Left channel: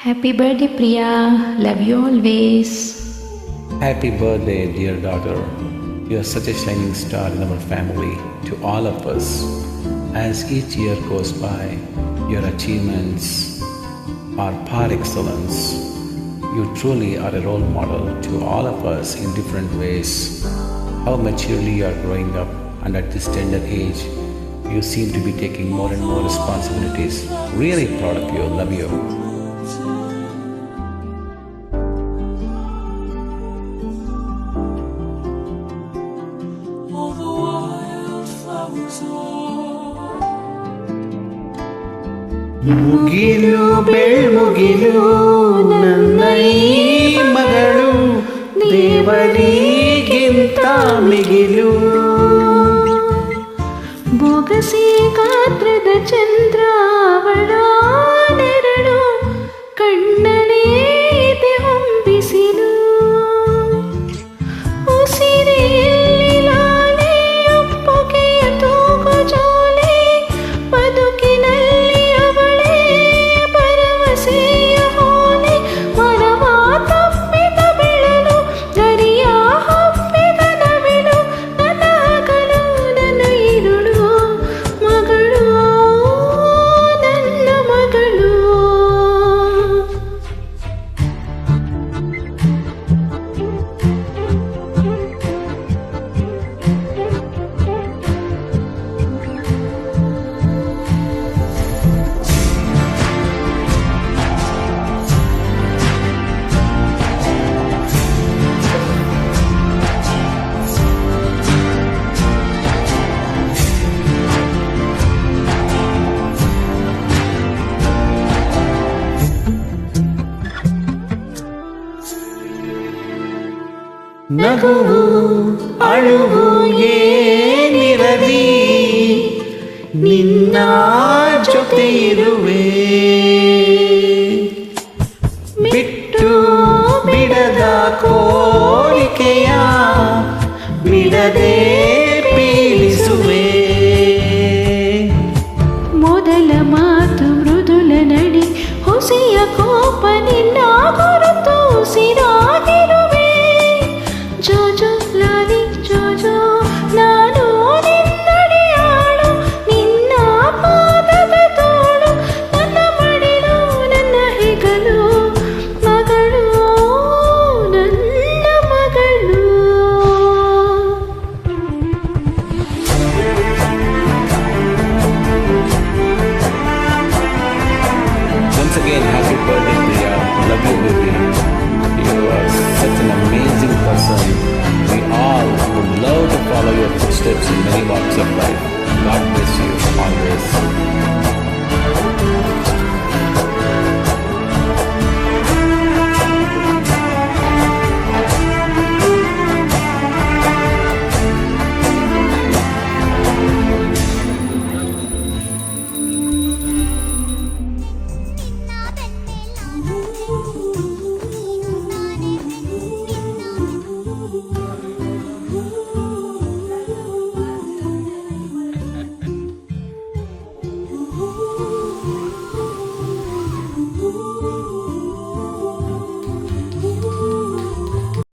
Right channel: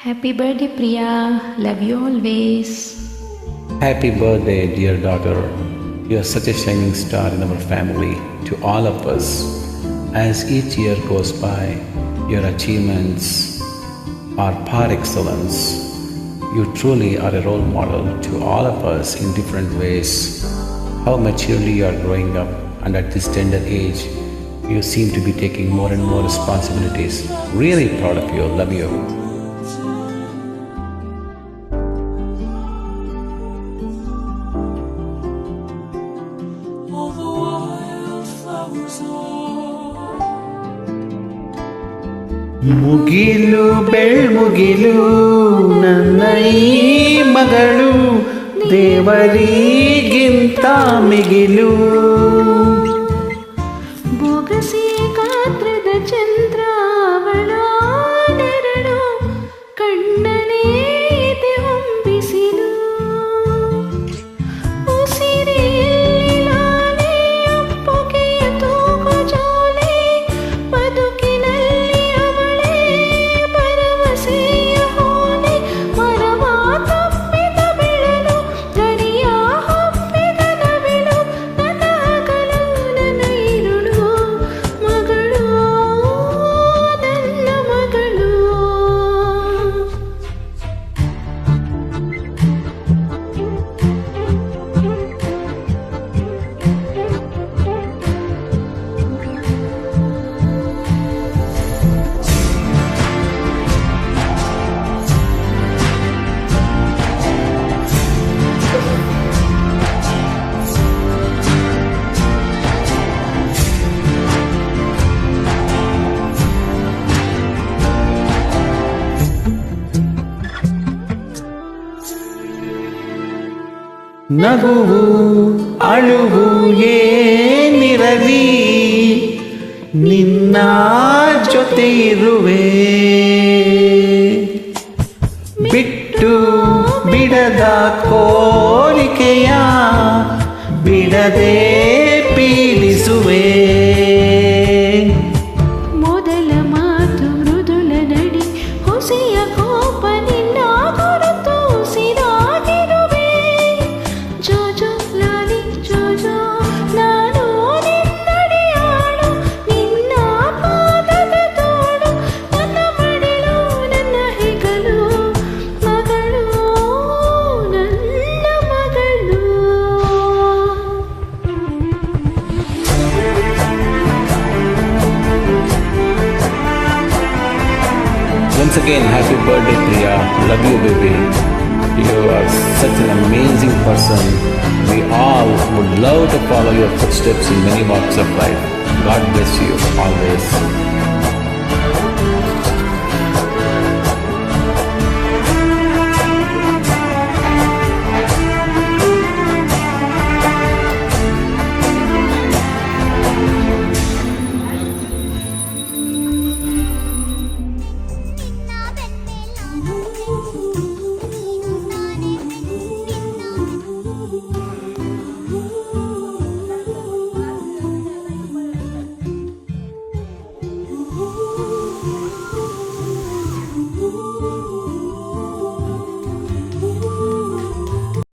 Happy birthday, Priya. Love you always. Happy birthday, dear daughter. You are such a shining star in our family to all of us. As each year goes by, your achievements are par excellence. You truly are a role model to all of us in different ways. How maturely you are growing up, and at this tender age, you seem to be taking more and more responsibilities. Really proud of you. Love you. ಮುಗಿಲು ಬೆಳ್ಮುಗಿಲು ನನ್ನ ಈ ಮಗಳು ದೇವರಿಗಿಂತ ಮಿಗಿಲು ಬೊಗಸೆ ಗಾತ್ರದ ಚಂದ್ರ ಅವಳ ನೆರಳು ಕಣ್ಣನೇ ಇದೆ ಹೊಂಬಿಸಿಲು ಉಸಿರೆಯಲ್ಲಿ ಲಾಲೆ ಅಪ್ಪುಗೆಯ ತೂಗು ಜೋಲೆ ಬದುಕಿನಲ್ಲಿ ಅವಳೇ ಭರವಸೆಯ ಹೋಲೆ ಮನವ ತಪ್ಪಿದ ಬೆಳಲು ಗರಿಯ ಹಬ್ಬಿದ ನವಿಲು ನನ್ನ ಹಗಲು ನನ್ನ ഇരുಳು ಮಗಳು ನನ್ನ ಮಗಳು. ನಗುವು ಅಳುವು ಏನಿರಲಿ ನಿನ್ನ ಜೊತೆ ಇರುವೆ ಬಿಟ್ಟು ಬಿಡದ ಕೋರಿಕೆಯ ಬಿಡದೆ ಪೀಡಿಸುವೆ ಮೊದಲ ಮಾತು ಮೃದುಲ ನಡಿ ಹೊಸೆಯ ಕೋಪ ನಿನ್ನ ಗುರುತು ಸಿರಾಗಿರುವೆ ಜೋಜೋ ಲಾಲಿ ಜೋಜೋ ನಾನು ನಿನ್ನಡಿಯಾಳು ನಿನ್ನ ಪಾದದ ತೋಳು ನನ್ನ ಮಡಿಲು ನನ್ನ ಹೆಗಲು ಮಗಳು ನನ್ನ ಮಗಳು. Once again, happy birthday, Priya. Love you, baby. You are such an amazing person. We all would love to follow your footsteps in many walks of life. God bless you always.